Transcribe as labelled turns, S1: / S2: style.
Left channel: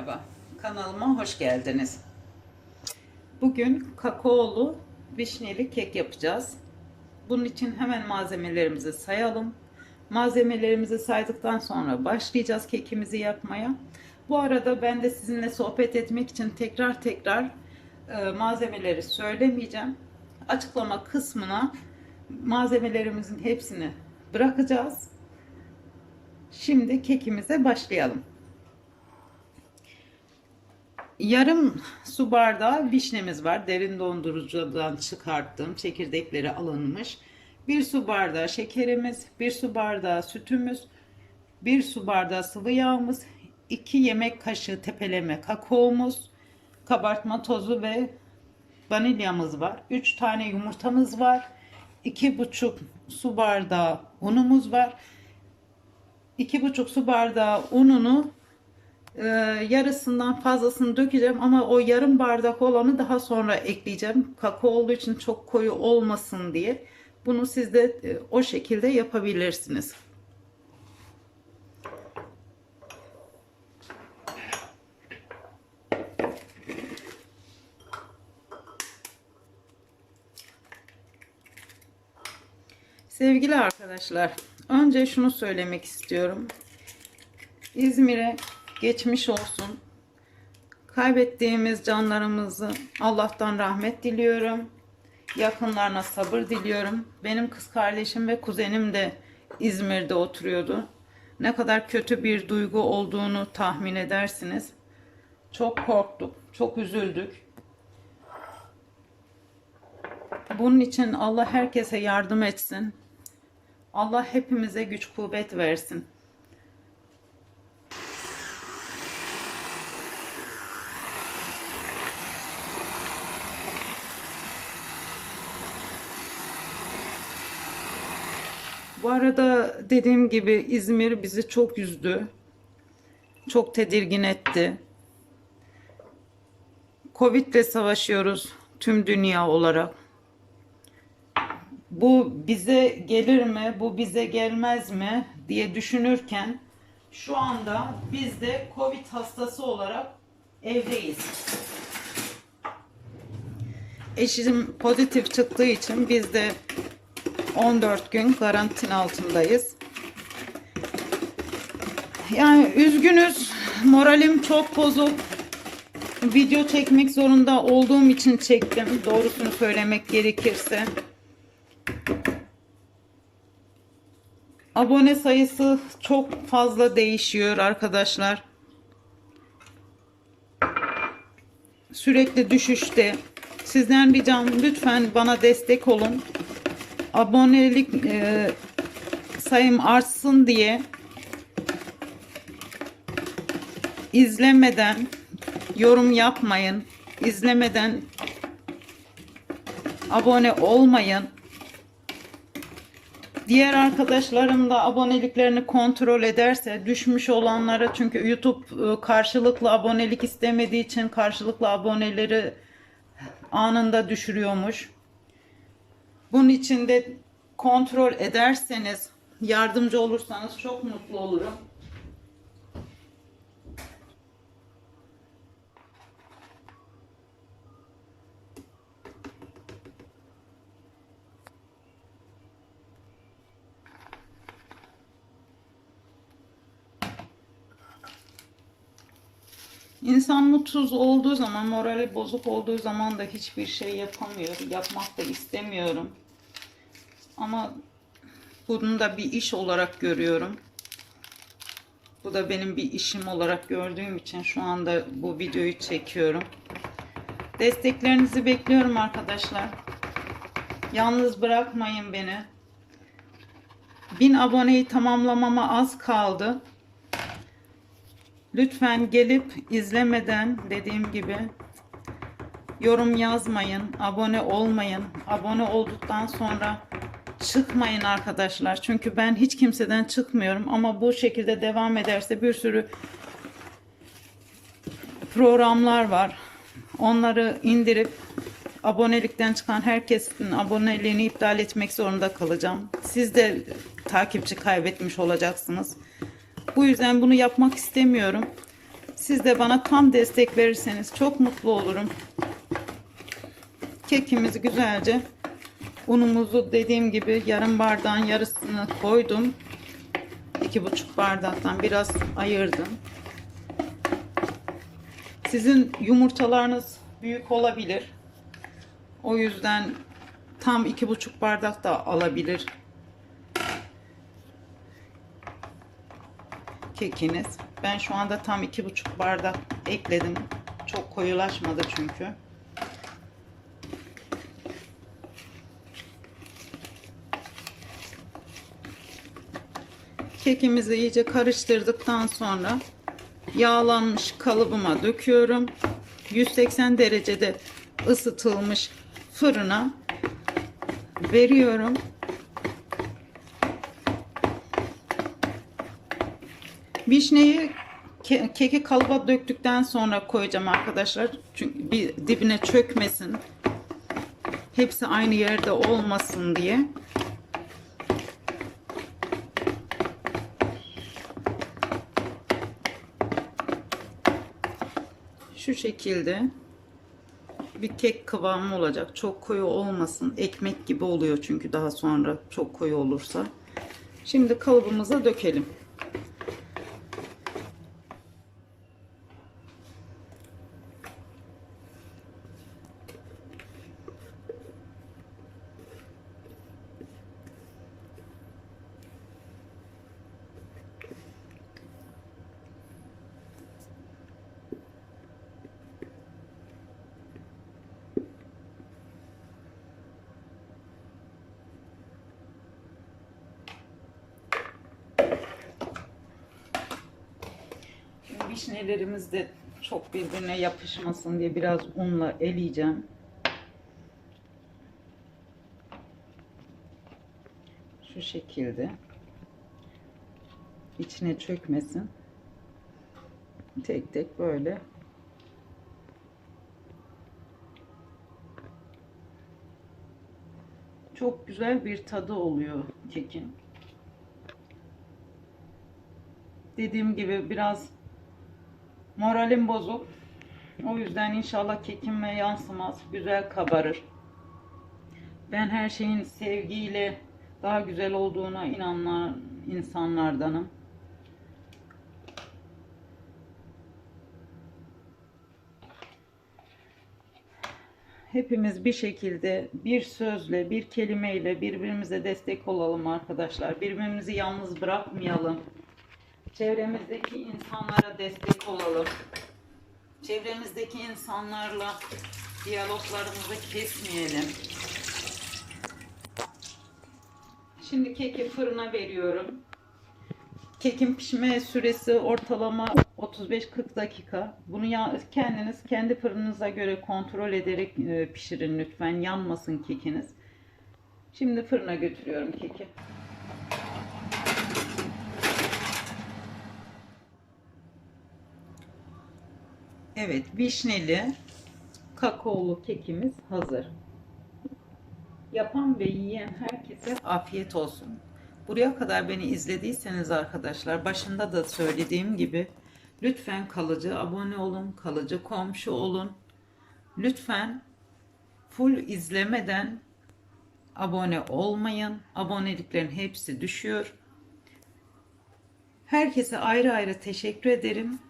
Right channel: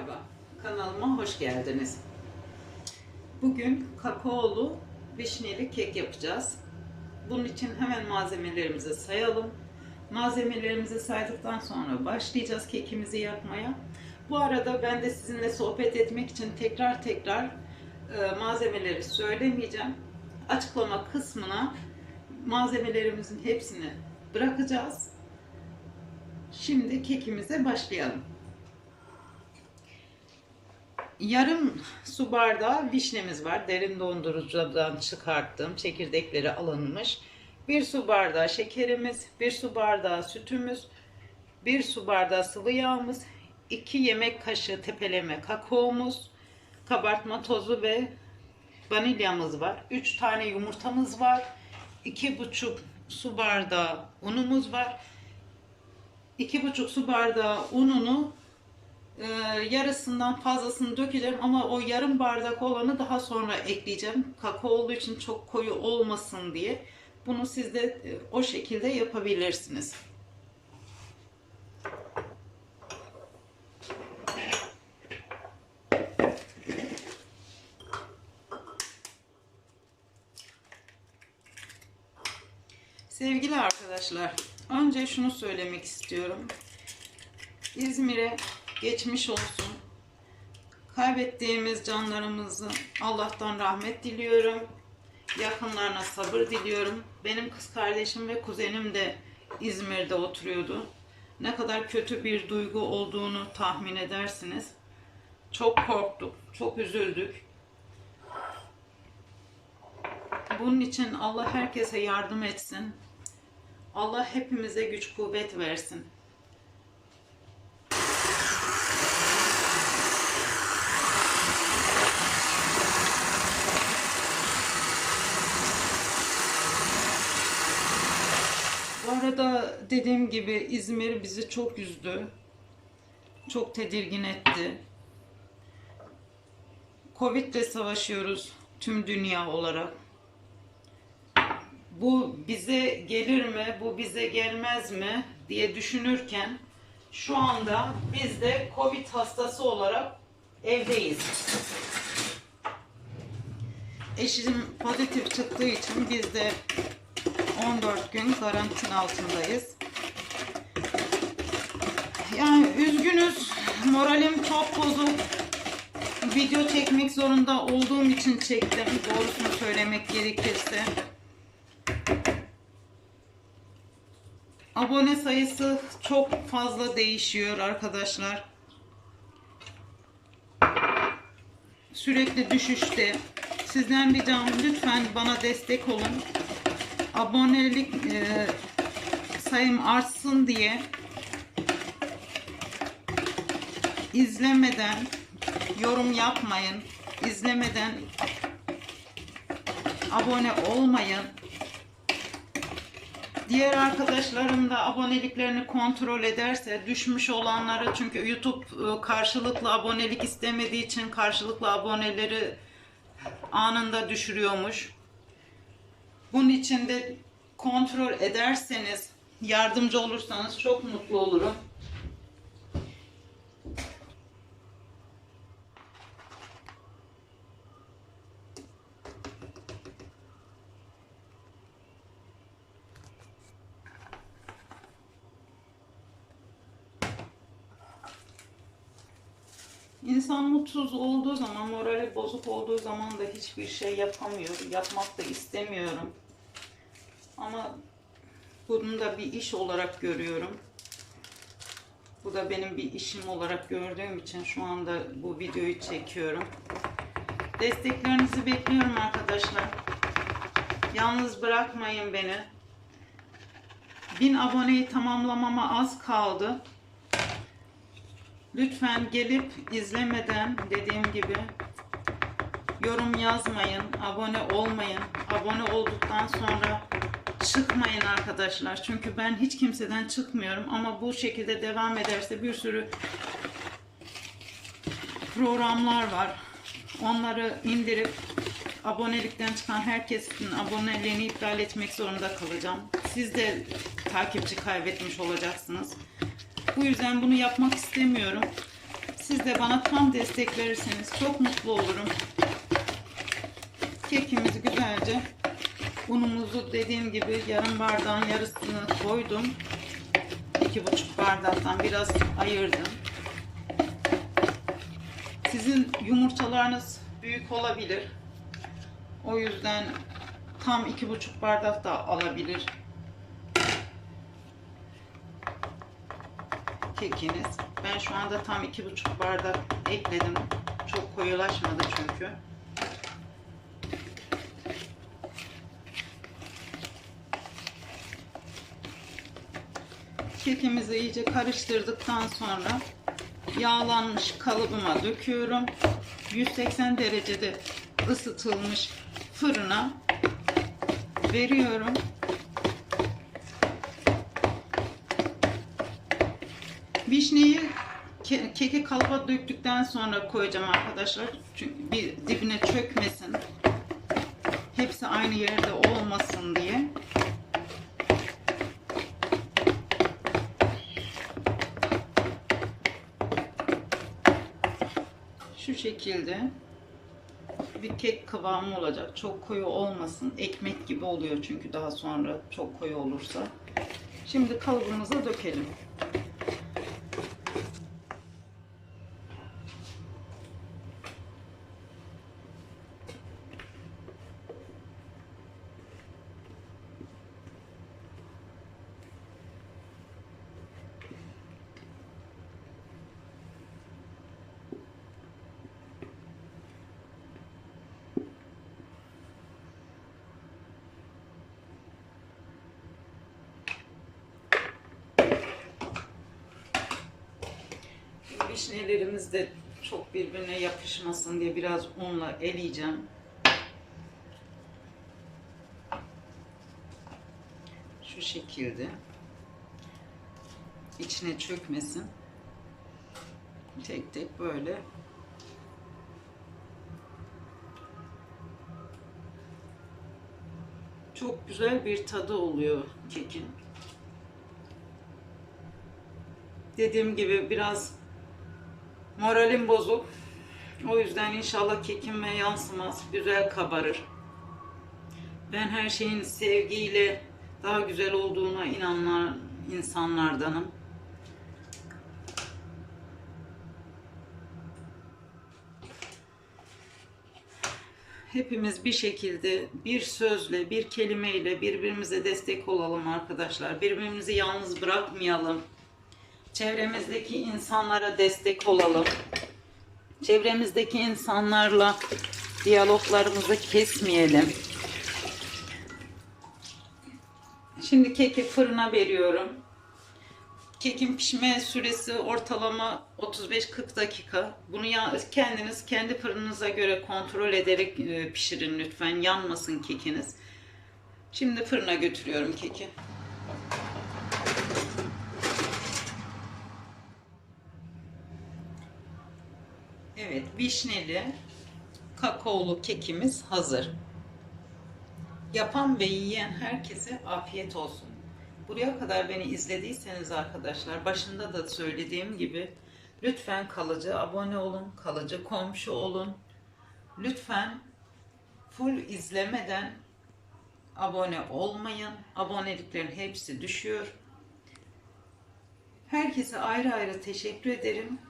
S1: Merhaba, kanalıma hoş geldiniz. Bugün kakaolu vişneli kek yapacağız. Bunun için hemen malzemelerimizi sayalım. Malzemelerimizi saydıktan sonra başlayacağız kekimizi yapmaya. Bu arada ben de sizinle sohbet etmek için tekrar tekrar e, malzemeleri söylemeyeceğim. Açıklama kısmına malzemelerimizin hepsini bırakacağız. Şimdi kekimize başlayalım. Yarım su bardağı vişnemiz var. Derin dondurucudan çıkarttım. Çekirdekleri alınmış. Bir su bardağı şekerimiz, bir su bardağı sütümüz, bir su bardağı sıvı yağımız, iki yemek kaşığı tepeleme kakaomuz, kabartma tozu ve vanilyamız var. Üç tane yumurtamız var. iki buçuk su bardağı unumuz var. iki buçuk su bardağı ununu ee, yarısından fazlasını dökeceğim ama o yarım bardak olanı daha sonra ekleyeceğim. Kakao olduğu için çok koyu olmasın diye. Bunu siz de e, o şekilde yapabilirsiniz. Sevgili arkadaşlar, önce şunu söylemek istiyorum. İzmir'e geçmiş olsun. Kaybettiğimiz canlarımızı Allah'tan rahmet diliyorum. Yakınlarına sabır diliyorum. Benim kız kardeşim ve kuzenim de İzmir'de oturuyordu. Ne kadar kötü bir duygu olduğunu tahmin edersiniz. Çok korktuk, çok üzüldük. Bunun için Allah herkese yardım etsin. Allah hepimize güç kuvvet versin. Bu arada dediğim gibi İzmir bizi çok üzdü. Çok tedirgin etti. Covid ile savaşıyoruz tüm dünya olarak. Bu bize gelir mi, bu bize gelmez mi diye düşünürken şu anda biz de Covid hastası olarak evdeyiz. Eşim pozitif çıktığı için biz de 14 gün karantina altındayız. Yani üzgünüz. Moralim çok bozuk. Video çekmek zorunda olduğum için çektim. Doğrusunu söylemek gerekirse. Abone sayısı çok fazla değişiyor arkadaşlar. Sürekli düşüşte. Sizden ricam lütfen bana destek olun abonelik e, sayım artsın diye izlemeden yorum yapmayın. izlemeden abone olmayın. Diğer arkadaşlarım da aboneliklerini kontrol ederse düşmüş olanlara çünkü YouTube e, karşılıklı abonelik istemediği için karşılıklı aboneleri anında düşürüyormuş. Bunun için de kontrol ederseniz, yardımcı olursanız çok mutlu olurum. İnsan mutsuz olduğu zaman, morali bozuk olduğu zaman da hiçbir şey yapamıyor. Yapmak da istemiyorum. Ama bunu da bir iş olarak görüyorum. Bu da benim bir işim olarak gördüğüm için şu anda bu videoyu çekiyorum. Desteklerinizi bekliyorum arkadaşlar. Yalnız bırakmayın beni. 1000 aboneyi tamamlamama az kaldı. Lütfen gelip izlemeden dediğim gibi yorum yazmayın, abone olmayın. Abone olduktan sonra çıkmayın arkadaşlar. Çünkü ben hiç kimseden çıkmıyorum ama bu şekilde devam ederse bir sürü programlar var. Onları indirip abonelikten çıkan herkesin aboneliğini iptal etmek zorunda kalacağım. Siz de takipçi kaybetmiş olacaksınız. Bu yüzden bunu yapmak istemiyorum. Siz de bana tam destek verirseniz çok mutlu olurum. Kekimizi güzelce unumuzu dediğim gibi yarım bardağın yarısını koydum. iki buçuk bardaktan biraz ayırdım. Sizin yumurtalarınız büyük olabilir. O yüzden tam iki buçuk bardak da alabilir kekiniz. Ben şu anda tam iki buçuk bardak ekledim. Çok koyulaşmadı çünkü. Kekimizi iyice karıştırdıktan sonra yağlanmış kalıbıma döküyorum. 180 derecede ısıtılmış fırına veriyorum. Vişneyi ke- keki kalıba döktükten sonra koyacağım arkadaşlar. Çünkü bir dibine çökmesin. Hepsi aynı yerde olmasın diye. Şu şekilde bir kek kıvamı olacak. Çok koyu olmasın. Ekmek gibi oluyor çünkü daha sonra çok koyu olursa. Şimdi kalıbımıza dökelim. Vişnelerimiz de çok birbirine yapışmasın diye biraz unla eleyeceğim. Şu şekilde. içine çökmesin. Tek tek böyle. Çok güzel bir tadı oluyor kekin. Dediğim gibi biraz Moralim bozuk. O yüzden inşallah kekime yansımaz. Güzel kabarır. Ben her şeyin sevgiyle daha güzel olduğuna inanan insanlardanım. Hepimiz bir şekilde bir sözle, bir kelimeyle birbirimize destek olalım arkadaşlar. Birbirimizi yalnız bırakmayalım. Çevremizdeki insanlara destek olalım. Çevremizdeki insanlarla diyaloglarımızı kesmeyelim. Şimdi keki fırına veriyorum. Kekin pişme süresi ortalama 35-40 dakika. Bunu kendiniz kendi fırınınıza göre kontrol ederek e, pişirin lütfen. Yanmasın kekiniz. Şimdi fırına götürüyorum keki. Evet, vişneli kakaolu kekimiz hazır. Yapan ve yiyen herkese afiyet olsun. Buraya kadar beni izlediyseniz arkadaşlar, başında da söylediğim gibi lütfen kalıcı abone olun, kalıcı komşu olun. Lütfen full izlemeden abone olmayın. Aboneliklerin hepsi düşüyor. Herkese ayrı ayrı teşekkür ederim.